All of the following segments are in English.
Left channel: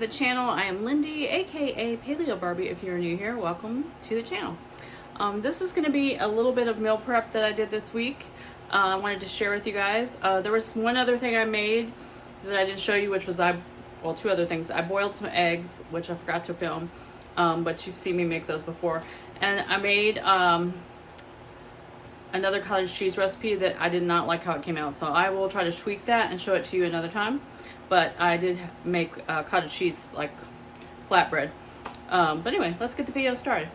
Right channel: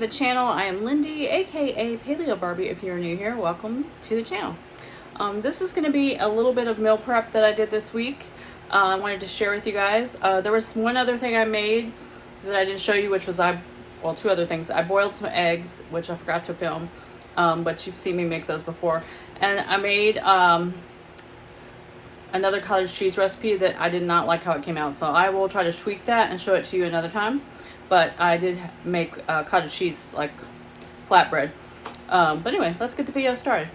to the channel. I am Lindy, aka Paleobarbie. If you're new here, welcome to the channel. This is going to be a little bit of meal prep that I did this week. I wanted to share with you guys. There was one other thing I made that I didn't show you, which was two other things. I boiled some eggs, which I forgot to film, but you've seen me make those before. And I made another cottage cheese recipe that I did not like how it came out, so I will try to tweak that and show it to you another time. But I did make cottage cheese like flatbread. But anyway, let's get the video started.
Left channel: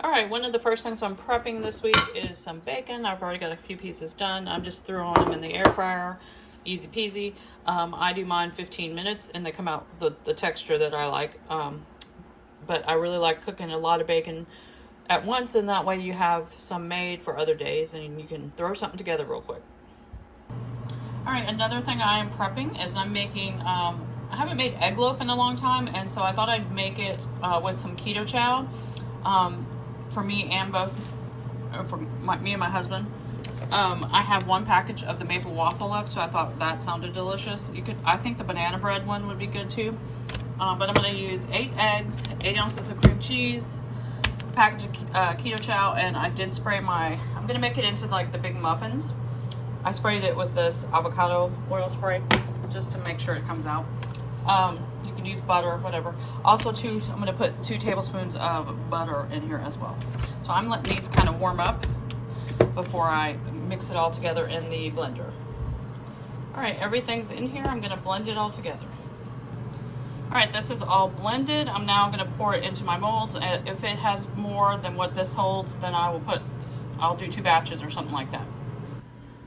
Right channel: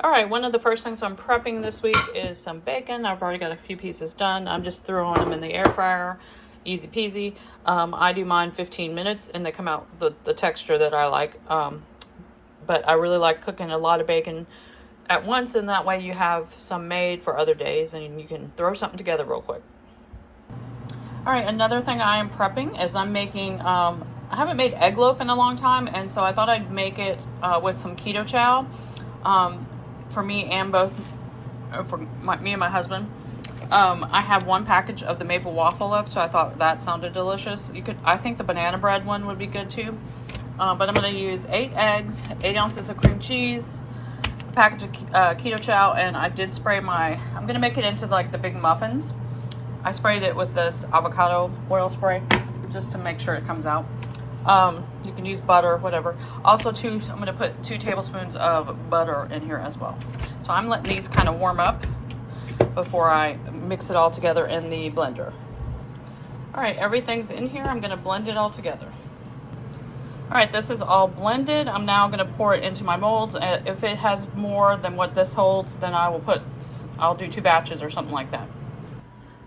All right, one of the first things I'm prepping this week is some bacon. I've already got a few pieces done. I'm just throwing them in the air fryer, easy peasy. I do mine 15 minutes and they come out the texture that I like. But I really like cooking a lot of bacon at once, and that way you have some made for other days and you can throw something together real quick. All right, another thing I am prepping is I'm making, I haven't made egg loaf in a long time, and so I thought I'd make it with some keto chow for me and me and my husband. I have one package of the maple waffle left, so I thought that sounded delicious. I think the banana bread one would be good too. But I'm gonna use 8 eggs, 8 ounces of cream cheese, a package of keto chow, and I did spray I'm gonna make it into like the big muffins. I sprayed it with this avocado oil spray just to make sure it comes out. You can use butter, whatever. Also, I'm going to put 2 tablespoons of butter in here as well. So I'm letting these kind of warm up before I mix it all together in the blender. All right, everything's in here. I'm going to blend it all together. All right, this is all blended. I'm now going to pour it into my molds. If it has more than what this holds, then I'll do 2 batches or something like that.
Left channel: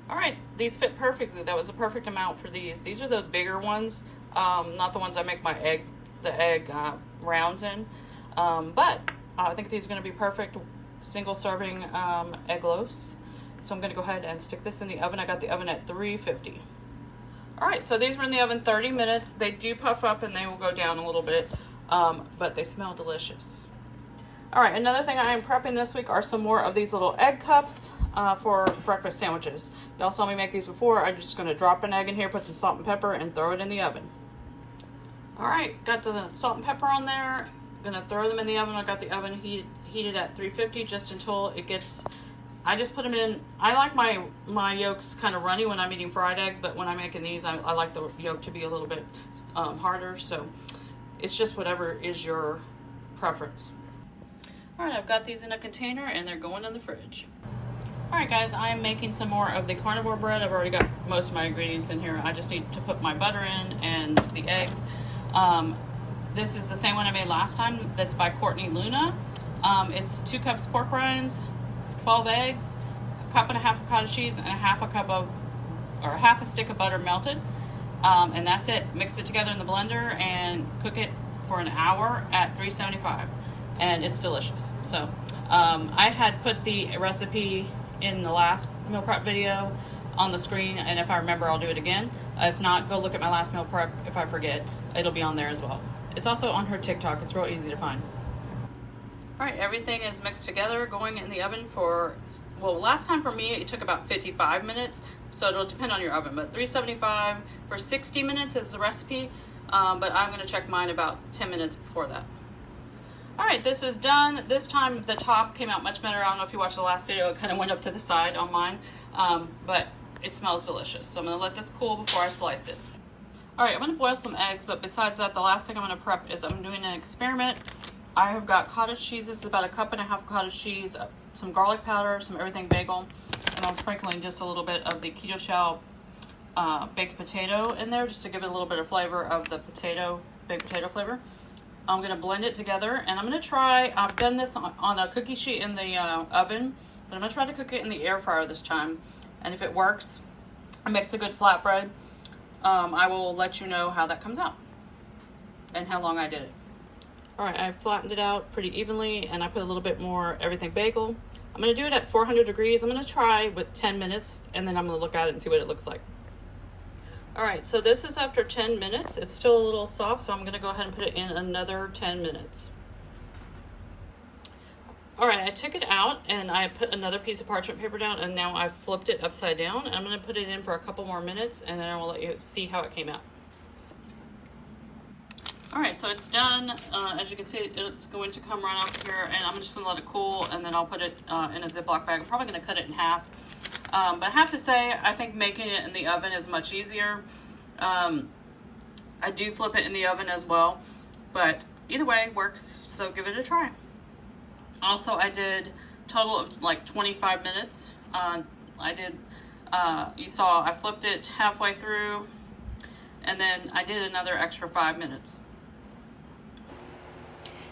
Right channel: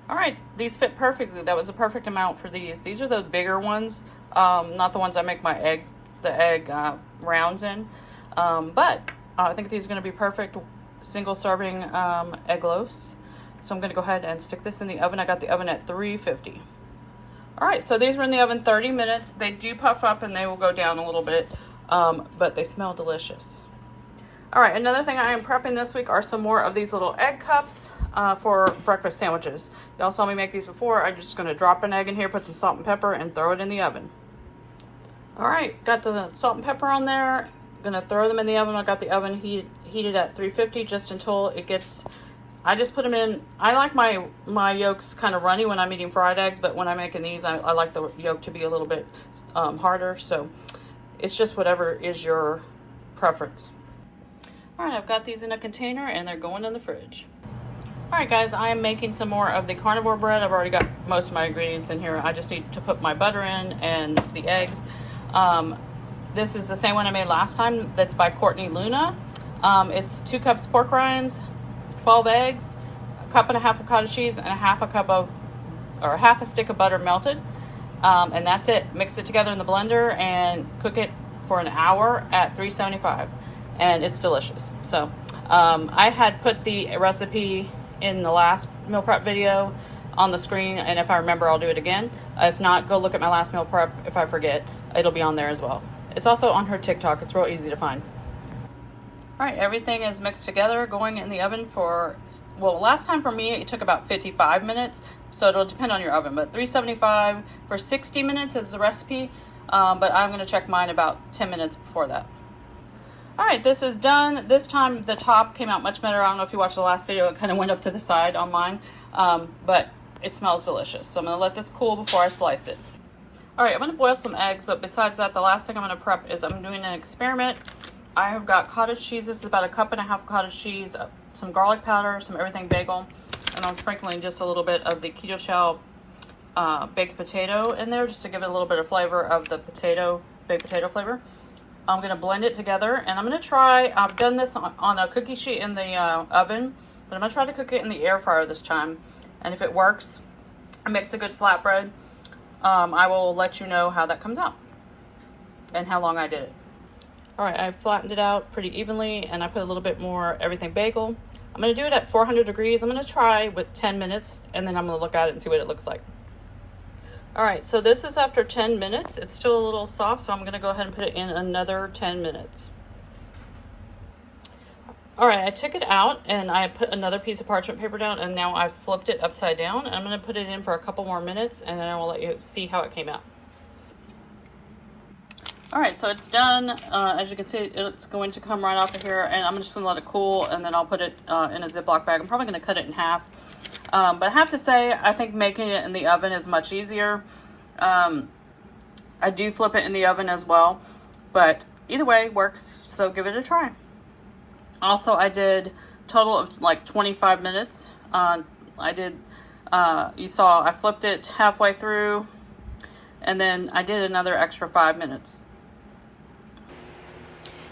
All right, these fit perfectly. That was a perfect amount for these. These are the bigger ones, not the ones I make the egg rounds in. But I think these are going to be perfect single serving egg loaves. So I'm going to go ahead and stick this in the oven. I got the oven at 350. All right, so these were in the oven 30 minutes. They do puff up and they will go down a little bit, but they smell delicious. All right, another thing I am prepping this week are some more of these little egg cups for breakfast sandwiches. Y'all saw me make these before. I'm just going to drop an egg in here, put some salt and pepper, and throw it in the oven. All right, got the salt and pepper on there. Going to throw them in the oven. I got the oven heated at 350 just until it gets... I just put them in. I like my yolks kind of runny when I'm eating fried eggs, but when I'm making these, I like the yolk to be a little bit harder. So it's just whatever is your preference. All right, I've got these in a container and they're going in the fridge. All right, guys, I am making some more of the carnivore bread. I've already got most of my ingredients in here. I just need to put my butter in and the eggs. This is the same one I made last time. That's by Courtney Luna. It's 2 cups pork rinds, 12 eggs, 1.5 cups of cottage cheese, and half a stick of butter melted. And that's it. Mix it together in the blender and cook it for an hour at 375. And it's delicious. So I had put the recipe in the last meal prep video on the screen, and if I remember, I'll do it again. If not, go look at my last meal prep. If I forget, it'll be on there as well. It's also on her TikTok. It's real easy to find. All right, everything is mixed together, going in the oven for, well, last time for me, it took about 55 minutes, so it'll depend on your oven, but 375 for 60 minutes is the recipe, but I'm gonna check mine about 10 minutes before that. All right, this is done. This time the top came out much better. I don't know if you watched the last video, it kind of went up to the side on mine, but it smells delicious. So I'm gonna let this cool before I slice it. All right, I'm gonna boil some eggs, but besides that, the last thing I'm gonna prep is I'm doing an experiment. I have got cottage cheese. This is about 1.5 cups cottage cheese, some garlic powder, some everything bagel, and I'm sprinkling just a little bit of the keto chow baked potato in there just to give it a little bit of flavor of the baked potato flavor. I'm going to blend it together, and I'm going to try, I've done this on a cookie sheet in the oven, but I'm going to try to cook it in the air fryer this time. And if it works, it makes a good flatbread, I will let you know how that comes out and how long I did it. All right, I've flattened it out pretty evenly, and I put a little bit more everything bagel. I'm going to do it at 400 degrees. I'm going to try with 10 minutes, and then I'm going to look at it and see what it looks like. All right, so this is after 10 minutes. It's still a little soft, so I'm gonna go ahead and put it in another 10 minutes. All right, I took it out and I put another piece of parchment paper down, and now I've flipped it upside down. I'm gonna put it in for a couple more minutes, and then I will let you see how it came out. All right, so it's done. As you can see, it's going to come right off of here, and I'm just gonna let it cool, and then I'll put it in a Ziploc bag. I'm probably gonna cut it in half. But I have to say, I think making it in the oven is much easier. I do flip it in the oven as well, but either way works, so give it a try. Also, I did total of like 25 minutes. You saw I flipped it halfway through, and then I did another extra 5 minutes.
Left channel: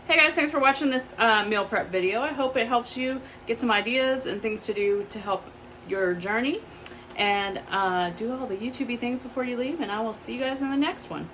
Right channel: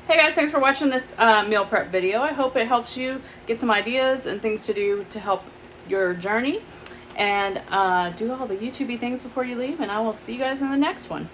Hey guys, thanks for watching this meal prep video. I hope it helps you get some ideas and things to do to help your journey, and do all the YouTubey things before you leave, and I will see you guys in the next one.